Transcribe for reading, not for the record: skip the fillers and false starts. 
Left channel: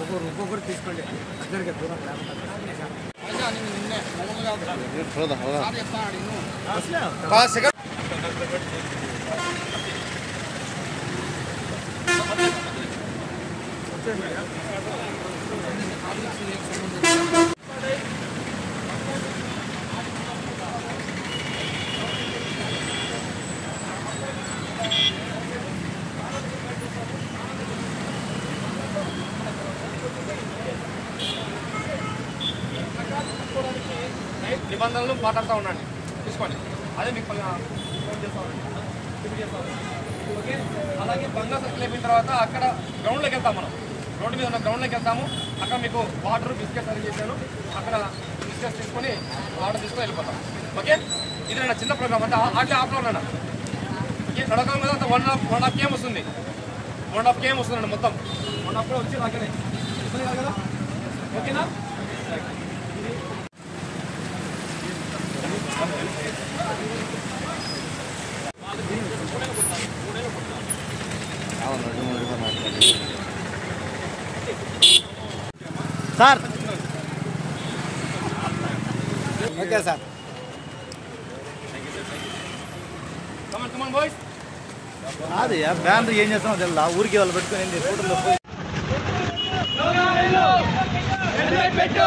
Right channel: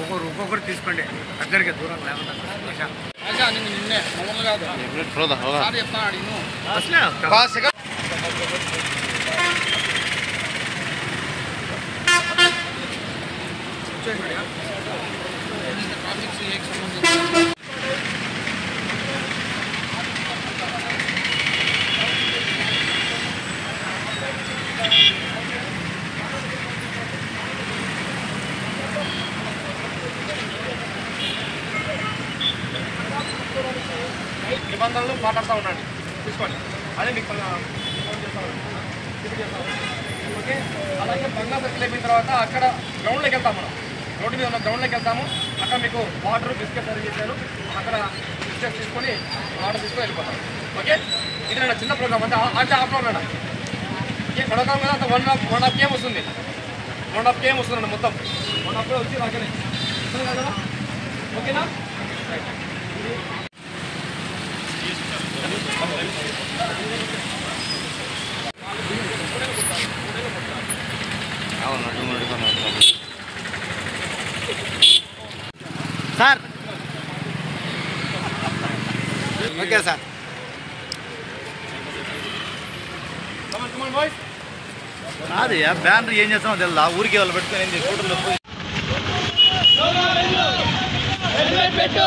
ఒక్కొక్కరు తీసుకోండి దగ్గరికి దూరం లేకుండా నిబంధనలు మాట్లాడుతూ ఉండండి తీసుకోండి అదే మీకు ఫోన్ చేస్తాను ఓకే. అలాగే బంగా సర్కిల్ అయిపోయిన తర్వాత అక్కడ గ్రౌండ్లోకి వెళ్తాం మనం రోడ్డు మీద ఉన్న గ్రౌండ్లోకి వెళ్తాము అక్కడ మీకు వాటర్ బిస్కెట్ సర్వ్ చేశారు అక్కడ బిస్కెట్స్ తీసుకొని వాటర్ తీసుకొని వెళ్ళిపోతాం ఓకే. ఇక్కడ చిన్న ప్రోగ్రామ్ అంటే అంటే ఆ ప్రోగ్రామ్ ఓకే. నడకాలం మీద అంత 1.5 km వస్తుంది 1.5 km వస్తుందండి మొత్తం 1.5 వచ్చి రాకనే కదా ఓకేనా. సార్ ఓకే సార్ అది బ్యానర్ ఏం చేస్తామో తెలుదా ఊరికి వాళ్ళు పెట్టుకుని పెట్టు